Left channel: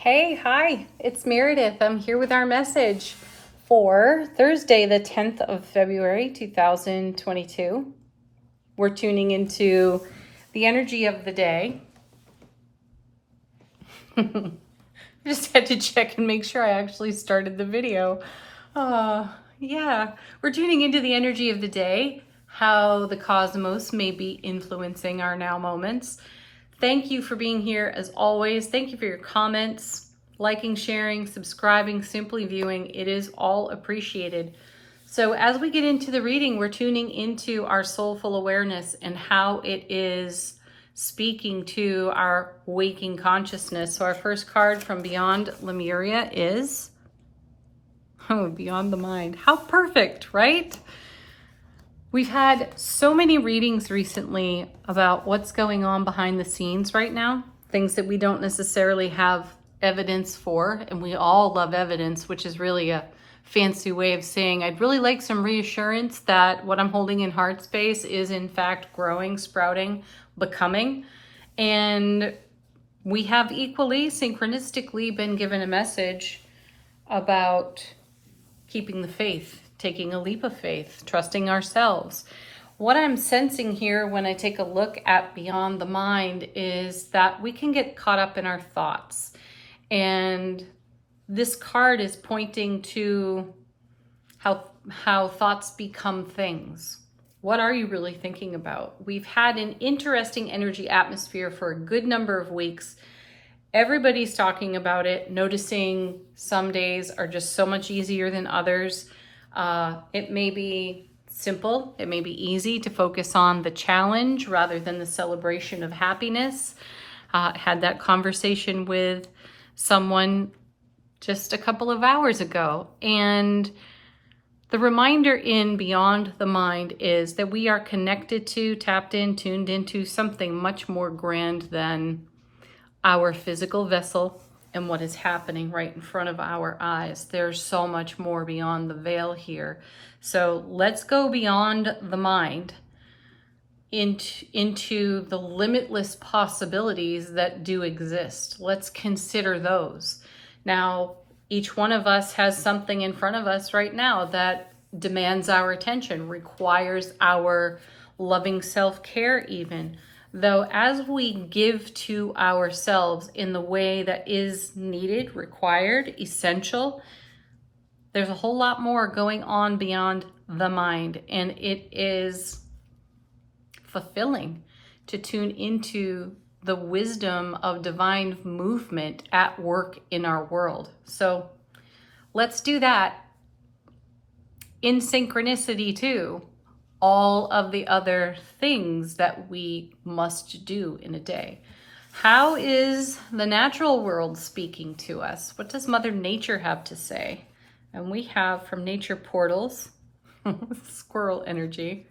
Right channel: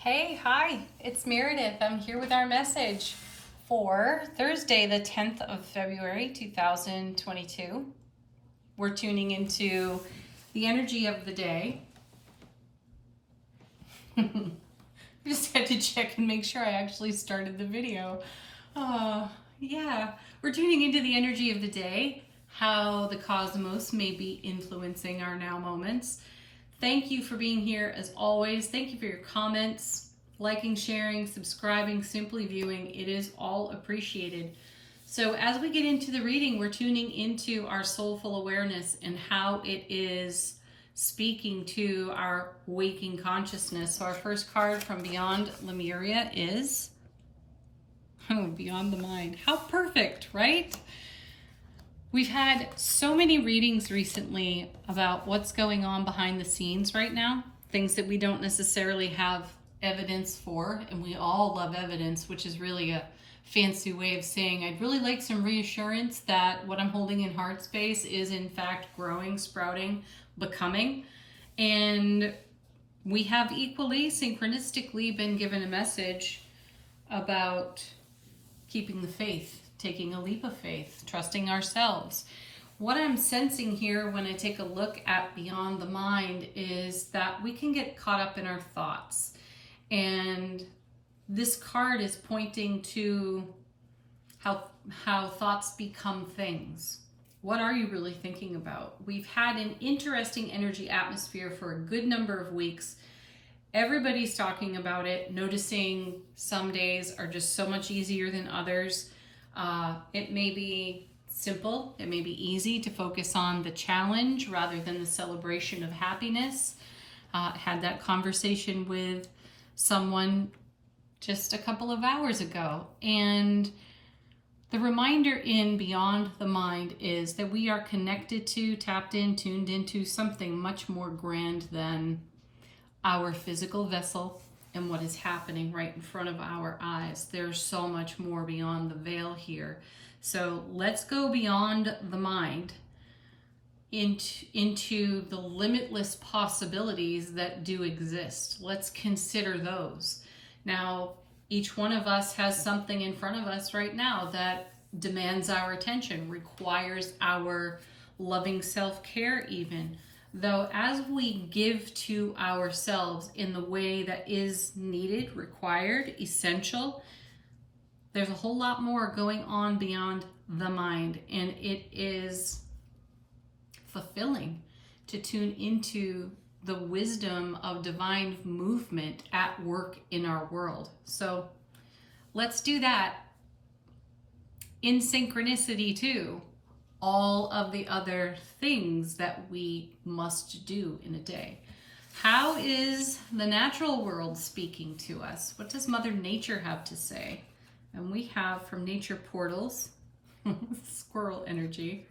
Hey, hi, it's Meredith. I'm here with our message for Thursday, the 10th of February, 2022. We're tuning into the energy of the day. Just had to check and make sure I actually started the video. Yeah, we're tuning into the energy of the day, how the cosmos may be influencing our now moments. Thank you for being here as always. Thank you for your comments, liking, sharing, subscribing, simply viewing. It is all appreciated. So as we get into the reading, we're tuning into our soulful awareness and how it is speaking to our waking consciousness. So our first card from Beyond Lemuria is, Beyond the Mind. How perfect, right? We've had so many readings recently about what's going on behind the scenes right now, things that we don't necessarily have evidence for, and we all love evidence, which is really a fancy way of saying I'd really like some reassurance that what I'm holding in heart space is in fact growing, sprouting, becoming. And we have equally synchronistically been given a message about keeping the faith, taking a leap of faith, trusting ourselves. What I'm sensing here when I take a look at Beyond the Mind is that we can get caught up in our thoughts. And this card is pointing to how thoughts become things. What are you really thinking about? We've had an interesting energy atmosphere for a good number of weeks. Everybody's talking about it, noticing some days are just so much easier than others. It may be simple, it may be easy to focus on the challenge rather than the celebration of happiness. Had that conversation with someone just a couple of hours ago. And the reminder in Beyond the Mind is that we are connected to, tapped in, tuned into something much more grand than our physical vessel and what is happening right in front of our eyes. There's so much more beyond the veil here. So let's go beyond the mind into the limitless possibilities that do exist. Let's consider those. Now, each one of us has something in front of us right now that demands our attention, requires our loving self-care even. Though as we give to ourselves in the way that is needed, required, essential, there's a whole lot more going on beyond the mind. And it is fulfilling to tune into the wisdom of divine movement at work in our world. So let's do that in synchronicity too. All of the other things that we must do in a day. How is the natural world speaking to us? What does Mother Nature have to say? And we have from Nature Portals, squirrel energy.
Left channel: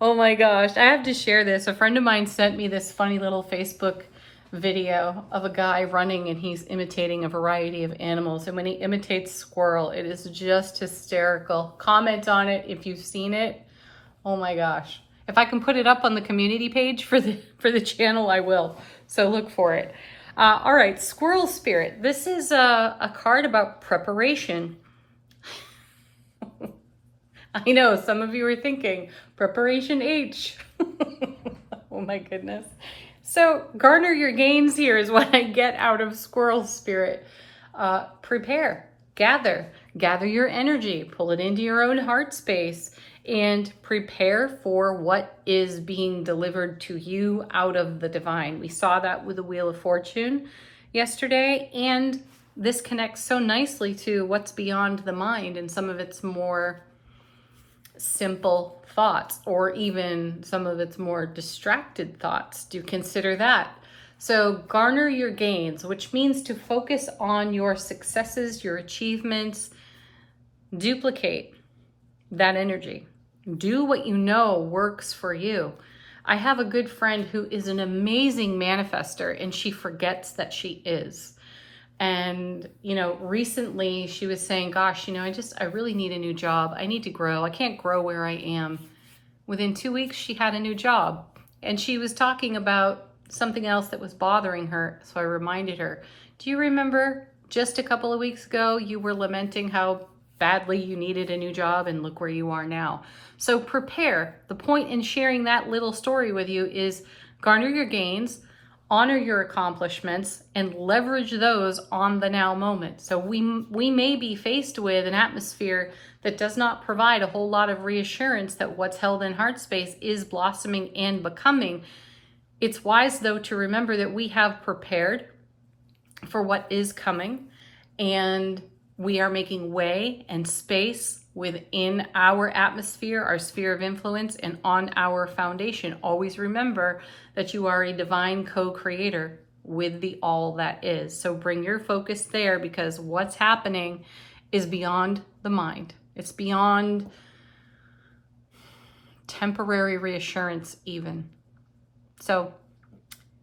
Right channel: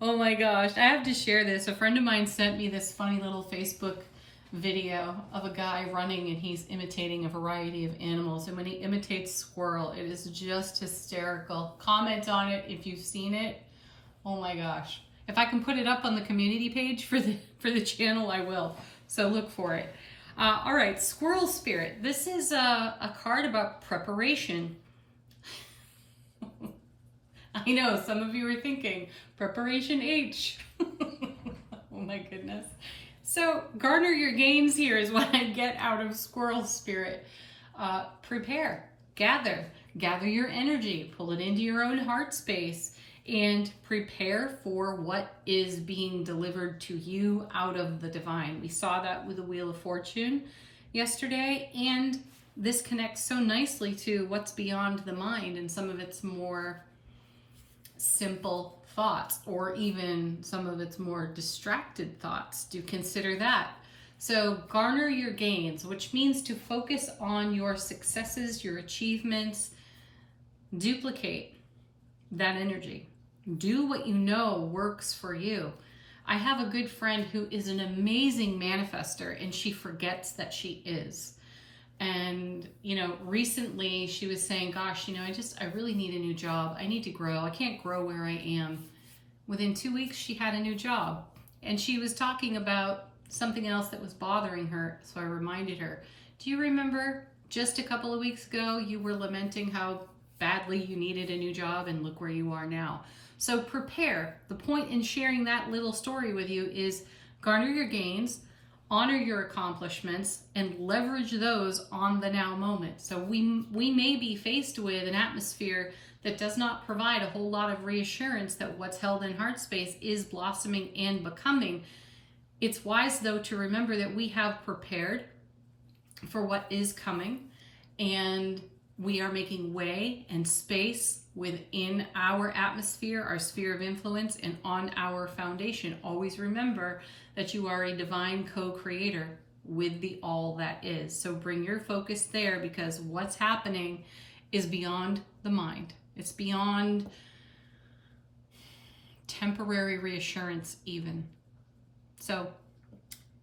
Oh my gosh, I have to share this. A friend of mine sent me this funny little Facebook video of a guy running and he's imitating a variety of animals. And when he imitates squirrel, it is just hysterical. Comment on it if you've seen it. Oh my gosh. If I can put it up on the community page for the channel, I will. So look for it. All right, Squirrel Spirit. This is a card about preparation. I know some of you are thinking, Preparation H. Oh my goodness. So garner your gains here is what I get out of Squirrel Spirit. Prepare, gather your energy, pull it into your own heart space, and prepare for what is being delivered to you out of the divine. We saw that with the Wheel of Fortune yesterday, and this connects so nicely to what's beyond the mind and some of its more simple thoughts, or even some of its more distracted thoughts. Do consider that. So garner your gains, which means to focus on your successes, your achievements, duplicate that energy. Do what you know works for you. I have a good friend who is an amazing manifester, and she forgets that she is. And, recently she was saying, gosh, I really need a new job. I need to grow. I can't grow where I am. Within 2 weeks, she had a new job. And she was talking about, something else that was bothering her. So I reminded her, do you remember just a couple of weeks ago, you were lamenting how badly you needed a new job, and look where you are now. So prepare. The point in sharing that little story with you is garner your gains, honor your accomplishments, and leverage those on the now moment. So we may be faced with an atmosphere that does not provide a whole lot of reassurance that what's held in heart space is blossoming and becoming. It's wise, though, to remember that we have prepared for what is coming, and we are making way and space within our atmosphere, our sphere of influence, and on our foundation. Always remember that you are a divine co-creator with the all that is. So bring your focus there, because what's happening is beyond the mind. It's beyond temporary reassurance even. So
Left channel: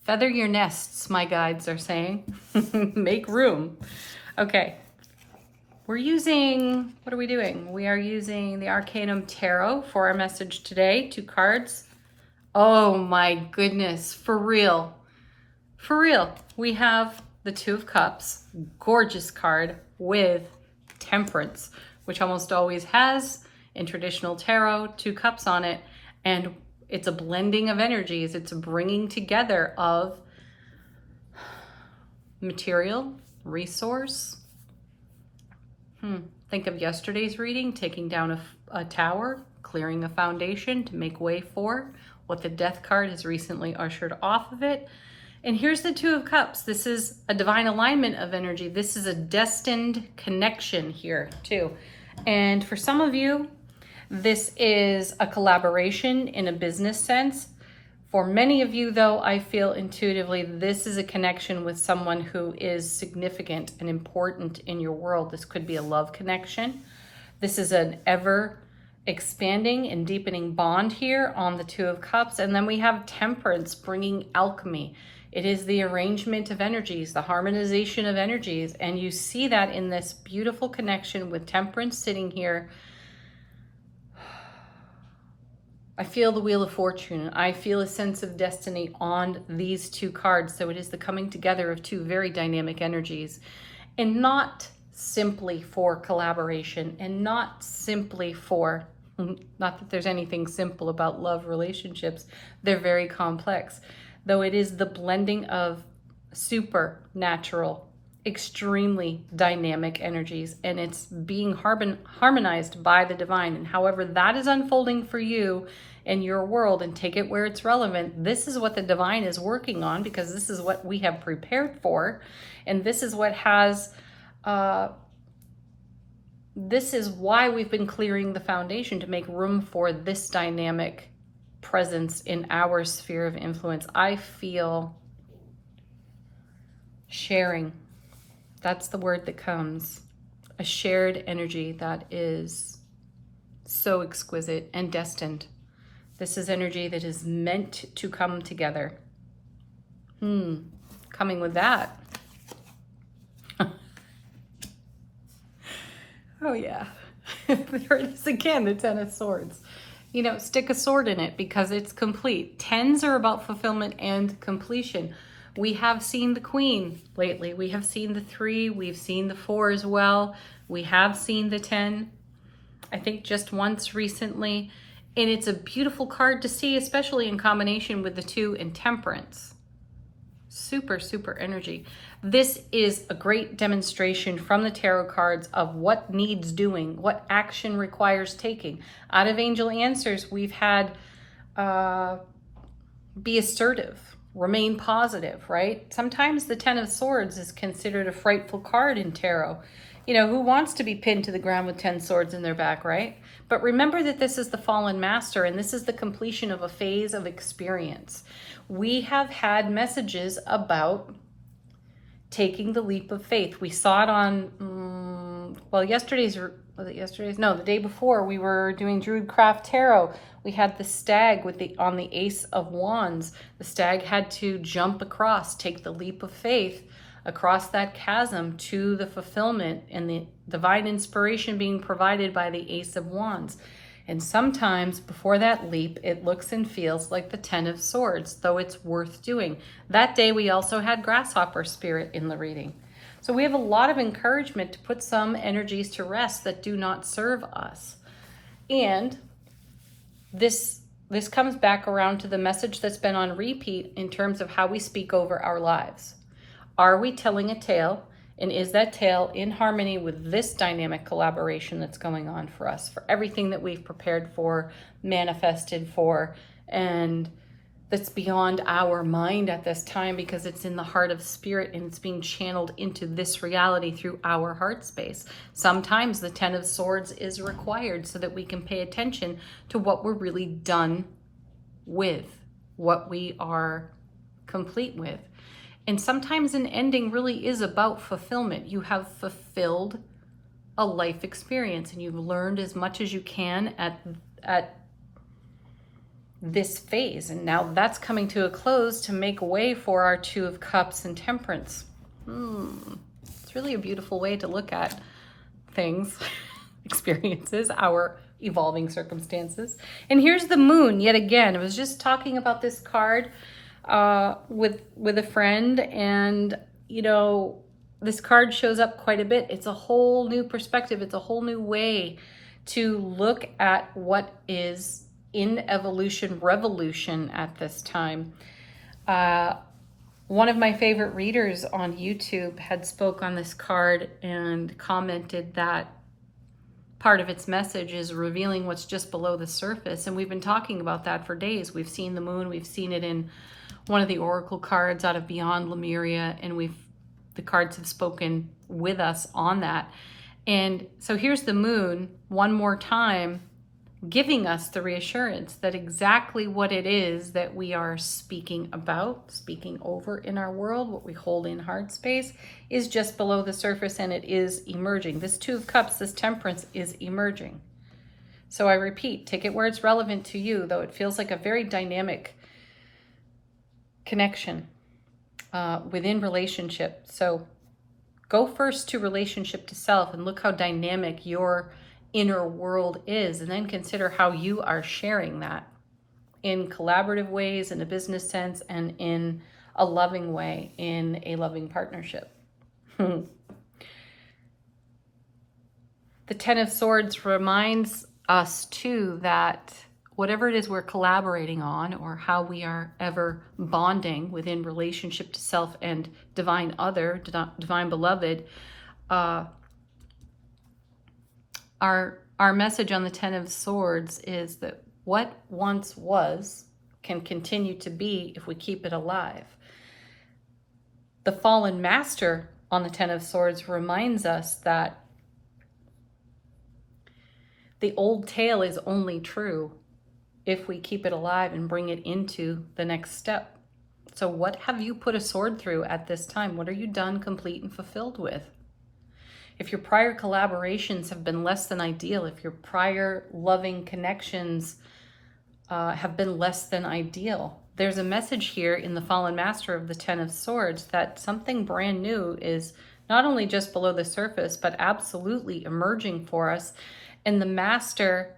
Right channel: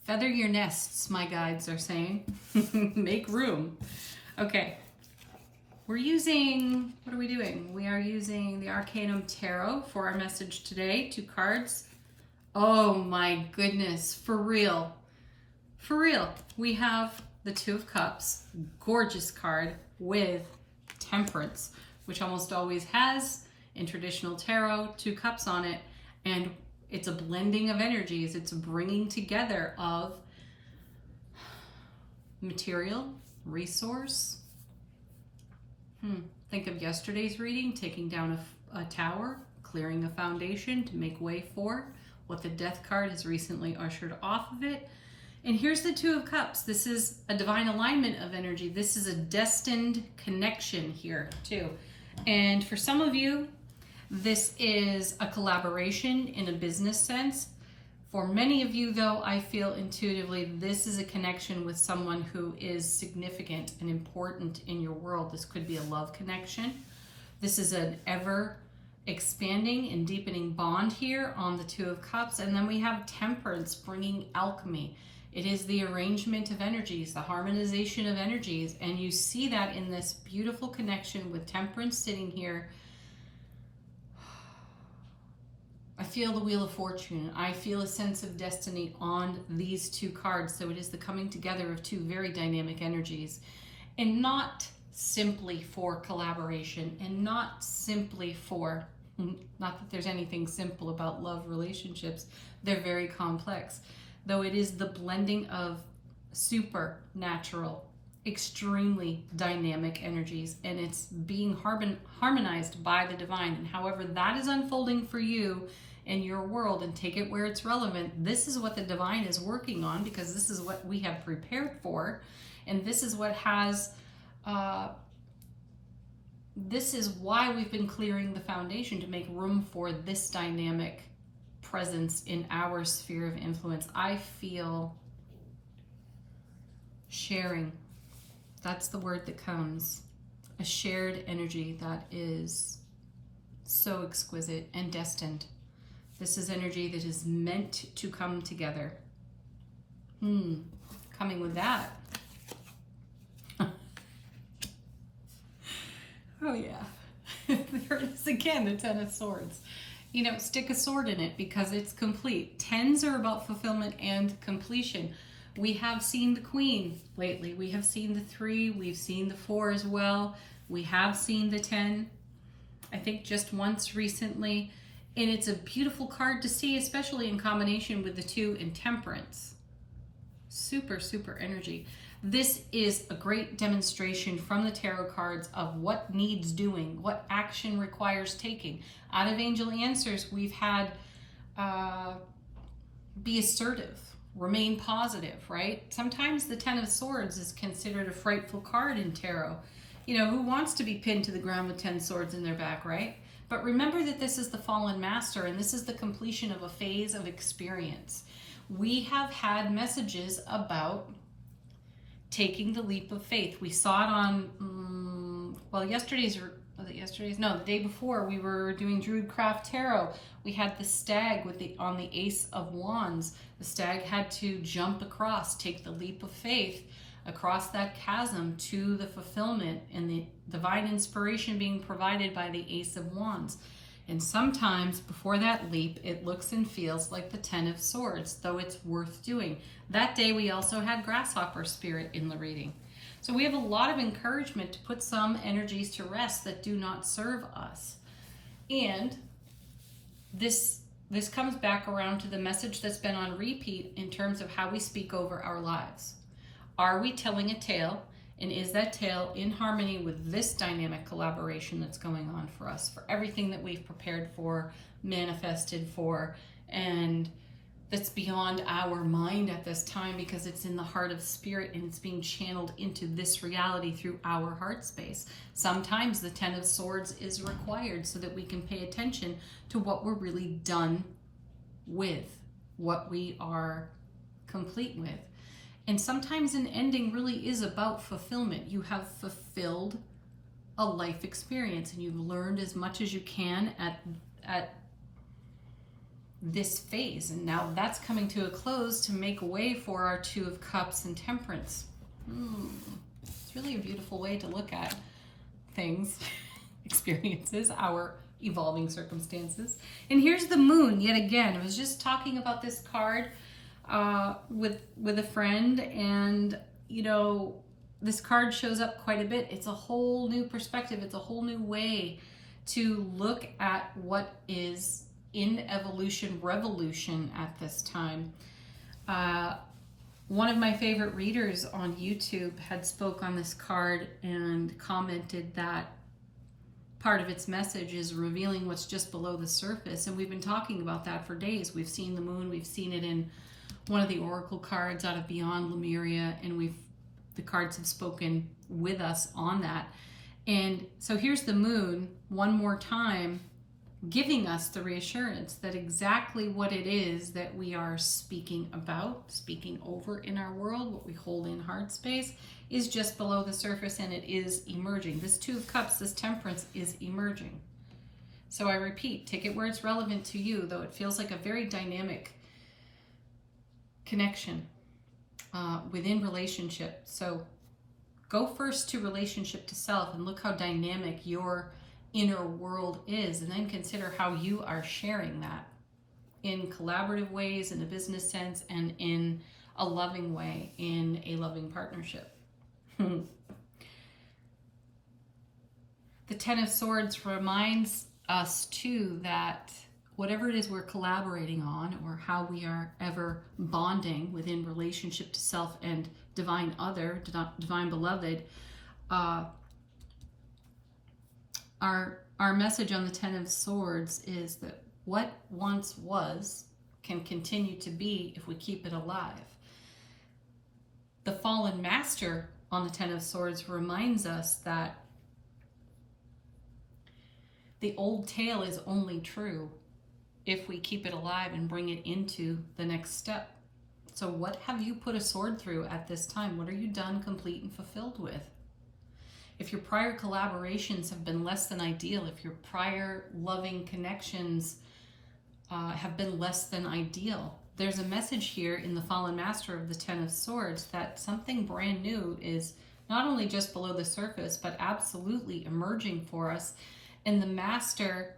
feather your nests, my guides are saying. Make room. Okay. We're using, what are we doing? We are using the Arcanum Tarot for our message today. 2 cards. Oh my goodness, for real. For real. We have the 2 of Cups, gorgeous card with Temperance, which almost always has, in traditional tarot, 2 cups on it. And it's a blending of energies. It's a bringing together of material, resource. Think of yesterday's reading, taking down a tower, clearing a foundation to make way for what the Death card has recently ushered off of it. And here's the 2 of Cups. This is a divine alignment of energy. This is a destined connection here too. And for some of you, this is a collaboration in a business sense. For many of you, though, I feel intuitively this is a connection with someone who is significant and important in your world. This could be a love connection. This is an ever expanding and deepening bond here on the 2 of Cups. And then we have Temperance, bringing alchemy. It is the arrangement of energies, the harmonization of energies. And you see that in this beautiful connection with Temperance sitting here. I feel the Wheel of Fortune. I feel a sense of destiny on these 2 cards. So it is the coming together of 2 very dynamic energies, and not simply for collaboration, and not simply for, not that there's anything simple about love relationships. They're very complex, though it is the blending of supernatural, extremely dynamic energies, and it's being harmonized by the divine. And however that is unfolding for you in your world, and take it where it's relevant, this is what the divine is working on, because this is what we have prepared for, and this is what has this is why we've been clearing the foundation to make room for this dynamic presence in our sphere of influence. I feel sharing. That's the word that comes. A shared energy that is so exquisite and destined. This is energy that is meant to come together. Coming with that. Oh yeah. There it is again, the 10 of Swords. You know, stick a sword in it because it's complete. 10s are about fulfillment and completion. We have seen the Queen lately. We have seen the 3. We've seen the 4 as well. We have seen the 10, I think just once recently. And it's a beautiful card to see, especially in combination with the 2 and Temperance. Super, super energy. This is a great demonstration from the tarot cards of what needs doing, what action requires taking. Out of Angel Answers, we've had be assertive, remain positive, right? Sometimes the 10 of Swords is considered a frightful card in tarot. You know, who wants to be pinned to the ground with 10 swords in their back, right? But remember that this is the fallen master, and this is the completion of a phase of experience. We have had messages about taking the leap of faith. We saw it on, the day before we were doing Druidcraft Tarot. We had the stag with on the Ace of Wands. The stag had to jump across, take the leap of faith across that chasm to the fulfillment and the divine inspiration being provided by the Ace of Wands. And sometimes before that leap, it looks and feels like the 10 of Swords, though it's worth doing. That day, we also had Grasshopper Spirit in the reading. So we have a lot of encouragement to put some energies to rest that do not serve us. And this comes back around to the message that's been on repeat in terms of how we speak over our lives. Are we telling a tale? And is that tale in harmony with this dynamic collaboration that's going on for us, for everything that we've prepared for, manifested for, and that's beyond our mind at this time because it's in the heart of spirit and it's being channeled into this reality through our heart space. Sometimes the 10 of Swords is required so that we can pay attention to what we're really done with, what we are complete with. And sometimes an ending really is about fulfillment. You have fulfilled a life experience and you've learned as much as you can at this phase. And now that's coming to a close to make way for our 2 of Cups and Temperance. It's really a beautiful way to look at things, experiences, our evolving circumstances. And here's the Moon yet again. I was just talking about this card with a friend, and you know, this card shows up quite a bit. It's a whole new perspective. It's a whole new way to look at what is in evolution, revolution at this time. One of my favorite readers on YouTube had spoke on this card and commented that part of its message is revealing what's just below the surface. And we've been talking about that for days. We've seen the Moon, we've seen it in one of the oracle cards out of Beyond Lemuria, and the cards have spoken with us on that. And so here's the Moon one more time, giving us the reassurance that exactly what it is that we are speaking about, speaking over in our world, what we hold in heart space, is just below the surface and it is emerging. This 2 of Cups, this Temperance, is emerging. So I repeat, take it where it's relevant to you, though it feels like a very dynamic connection within relationship. So go first to relationship to self and look how dynamic your inner world is, and then consider how you are sharing that in collaborative ways, in a business sense, and in a loving way, in a loving partnership. The 10 of Swords reminds us too that whatever it is we're collaborating on, or how we are ever bonding within relationship to self and divine other, divine beloved, our message on the 10 of Swords is that what once was can continue to be if we keep it alive. The fallen master on the 10 of Swords reminds us that the old tale is only true if we keep it alive and bring it into the next step. So what have you put a sword through at this time? What are you done, complete, and fulfilled with? If your prior collaborations have been less than ideal, if your prior loving connections have been less than ideal, there's a message here in the fallen master of the 10 of Swords that something brand new is not only just below the surface, but absolutely emerging for us. And the master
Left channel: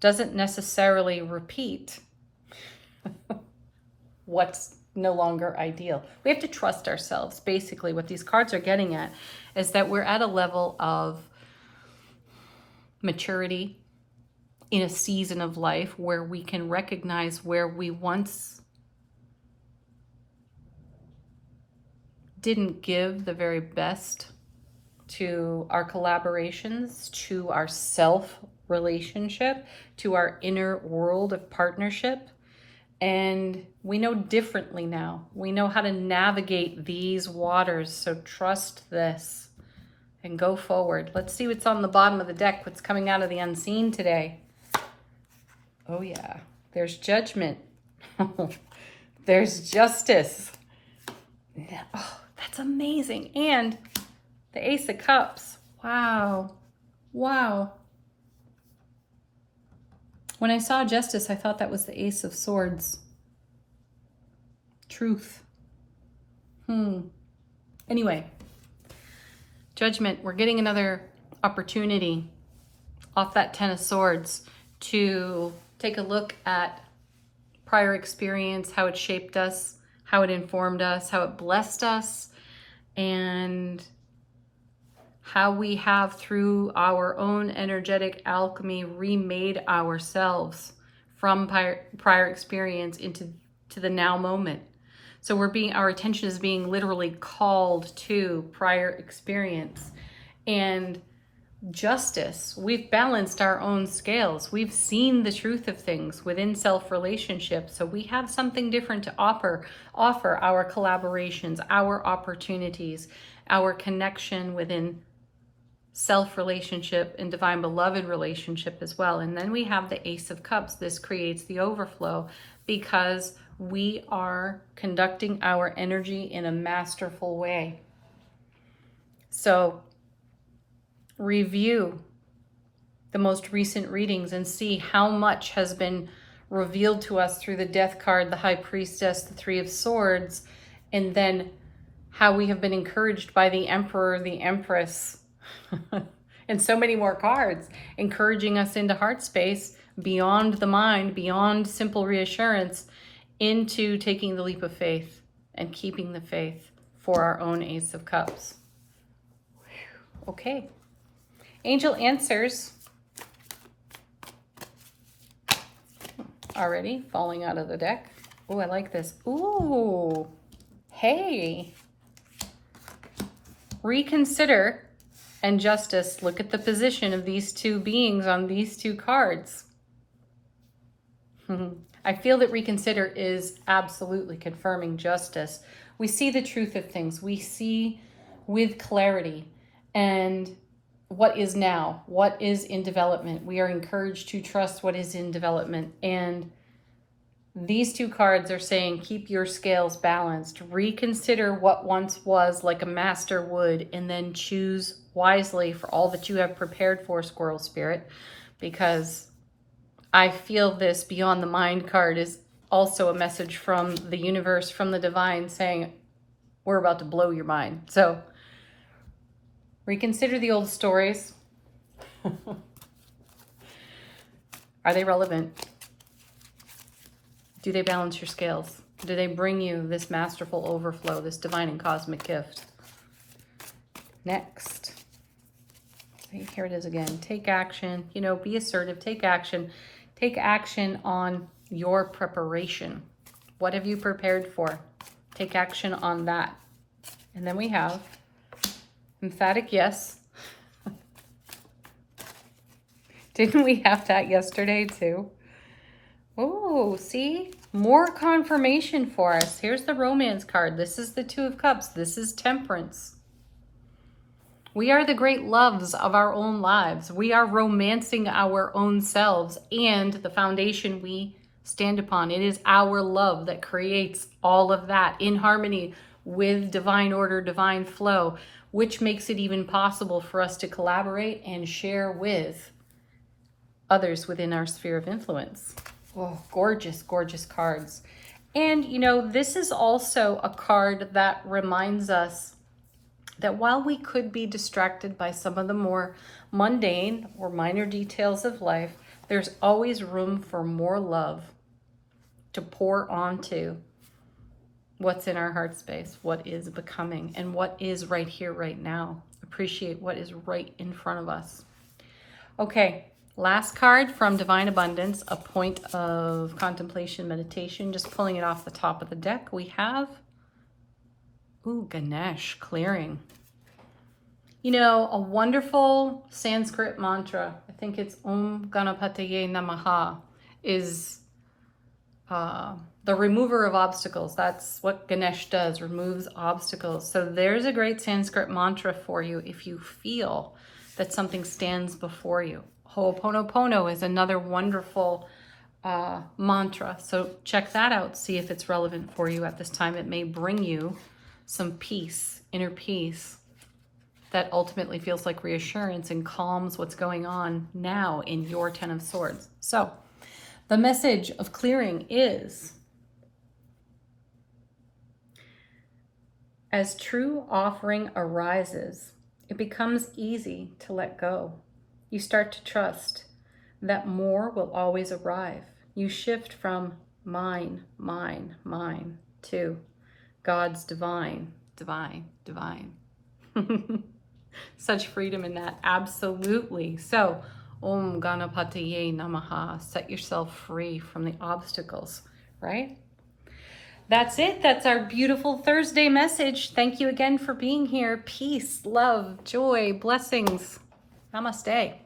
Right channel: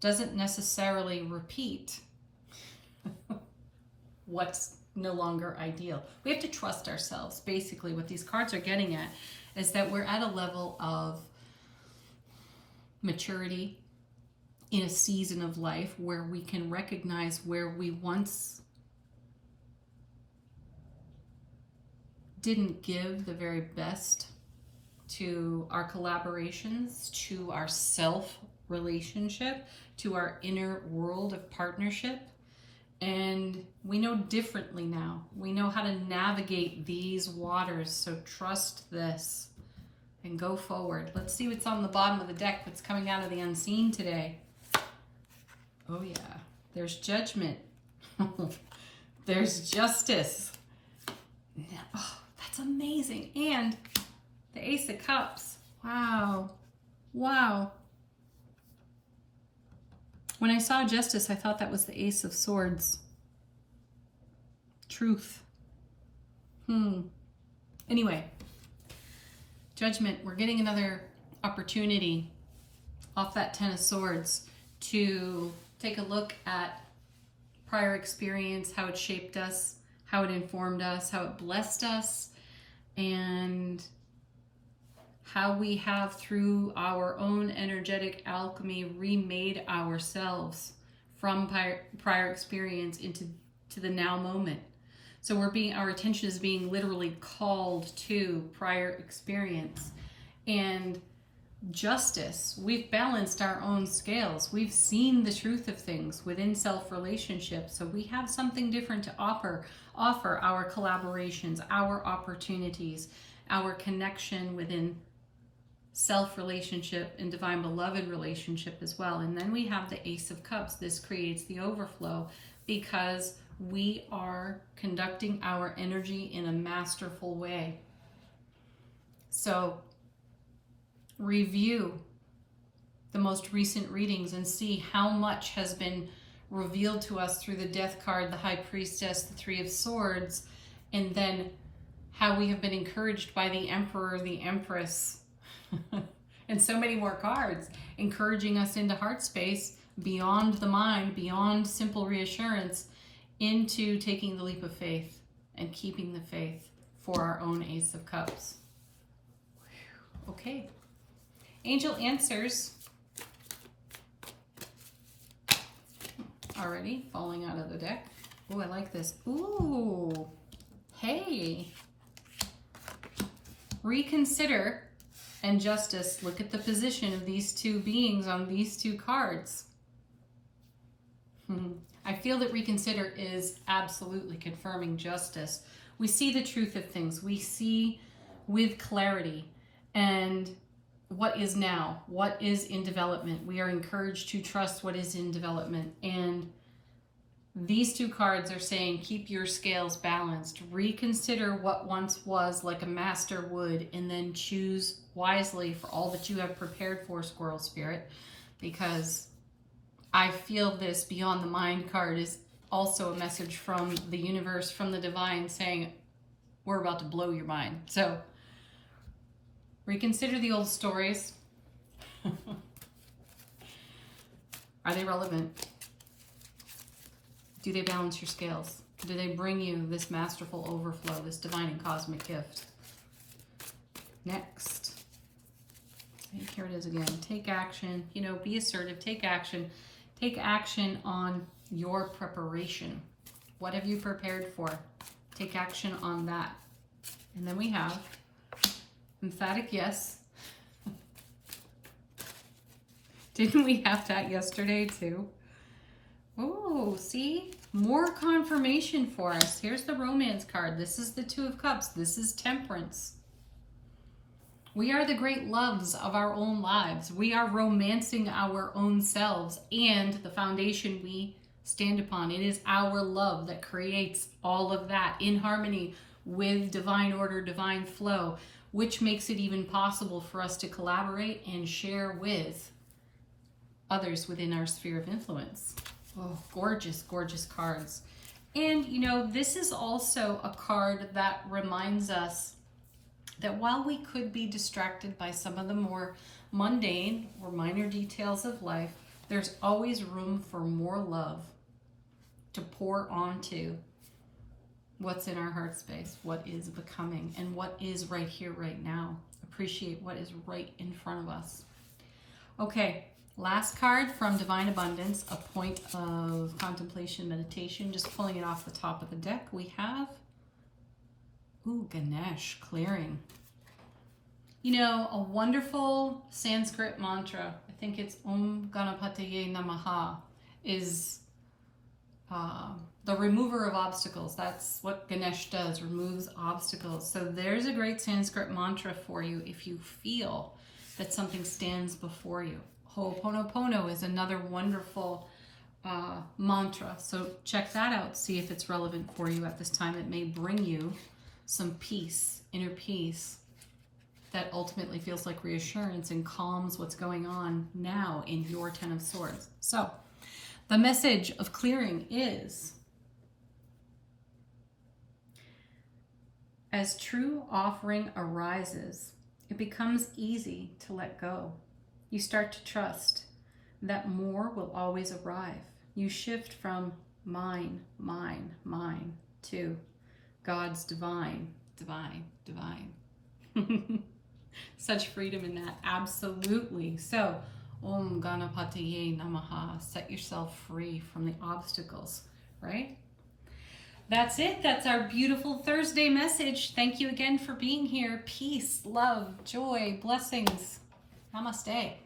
doesn't necessarily repeat what's no longer ideal. We have to trust ourselves. Basically, what these cards are getting at is that we're at a level of maturity in a season of life where we can recognize where we once didn't give the very best to our collaborations, to our self relationship, to our inner world of partnership. And we know differently now. We know how to navigate these waters. So trust this and go forward. Let's see what's on the bottom of the deck, what's coming out of the unseen today. Oh yeah, there's Judgment. There's Justice. Oh, that's amazing. And the Ace of Cups. Wow. Wow. When I saw Justice, I thought that was the Ace of Swords. Truth. Anyway, Judgment, we're getting another opportunity off that Ten of Swords to take a look at prior experience, how it shaped us, how it informed us, how it blessed us, and how we have, through our own energetic alchemy, remade ourselves from prior experience into the now moment. So our attention is being literally called to prior experience. And justice, we've balanced our own scales. We've seen the truth of things within self-relationship. So we have something different to offer our collaborations, our opportunities, our connection within self-relationship and divine beloved relationship as well. And then we have the Ace of Cups. This creates the overflow because we are conducting our energy in a masterful way. So review the most recent readings and see how much has been revealed to us through the Death card, the High Priestess, the Three of Swords, and then how we have been encouraged by the Emperor, the Empress, and so many more cards, encouraging us into heart space, beyond the mind, beyond simple reassurance, into taking the leap of faith and keeping the faith for our own Ace of Cups. Okay. Angel answers. Already falling out of the deck. Oh, I like this. Ooh. Hey. Reconsider and justice. Look at the position of these two beings on these two cards. I feel that reconsider is absolutely confirming justice. We see the truth of things. We see with clarity and what is now, what is in development. We are encouraged to trust what is in development. And these two cards are saying, keep your scales balanced. Reconsider what once was, like a master would, and then choose wisely for all that you have prepared for, Squirrel Spirit, because I feel this Beyond the Mind card is also a message from the universe, from the divine, saying, we're about to blow your mind. So reconsider the old stories. Are they relevant? Do they balance your scales? Do they bring you this masterful overflow, this divine and cosmic gift? Next. Here it is again. Take action. You know, be assertive. Take action. Take action on your preparation. What have you prepared for? Take action on that. And then we have emphatic yes. Didn't we have that yesterday too? Oh, see? More confirmation for us. Here's the Romance card. This is the Two of Cups. This is Temperance. We are the great loves of our own lives. We are romancing our own selves and the foundation we stand upon. It is our love that creates all of that in harmony with divine order, divine flow, which makes it even possible for us to collaborate and share with others within our sphere of influence. Oh, gorgeous, gorgeous cards. And, you know, this is also a card that reminds us that while we could be distracted by some of the more mundane or minor details of life, there's always room for more love to pour onto what's in our heart space, what is becoming, and what is right here, right now. Appreciate what is right in front of us. Okay. Last card from Divine Abundance, a point of contemplation, meditation, just pulling it off the top of the deck. We have, Ganesh, clearing. You know, a wonderful Sanskrit mantra, I think it's Om Ganapataye Namaha, is the remover of obstacles. That's what Ganesh does, removes obstacles. So there's a great Sanskrit mantra for you if you feel that something stands before you. Ho'oponopono is another wonderful mantra. So check that out. See if it's relevant for you at this time. It may bring you some peace, inner peace, that ultimately feels like reassurance and calms what's going on now in your Ten of Swords. So the message of clearing is, as true offering arises, it becomes easy to let go. You start to trust that more will always arrive. You shift from mine, mine, mine to God's divine, divine, divine. Such freedom in that, absolutely. So, Om Ganapataye Namaha. Set yourself free from the obstacles, right? That's it. That's our beautiful Thursday message. Thank you again for being here. Peace, love, joy, blessings. Namaste.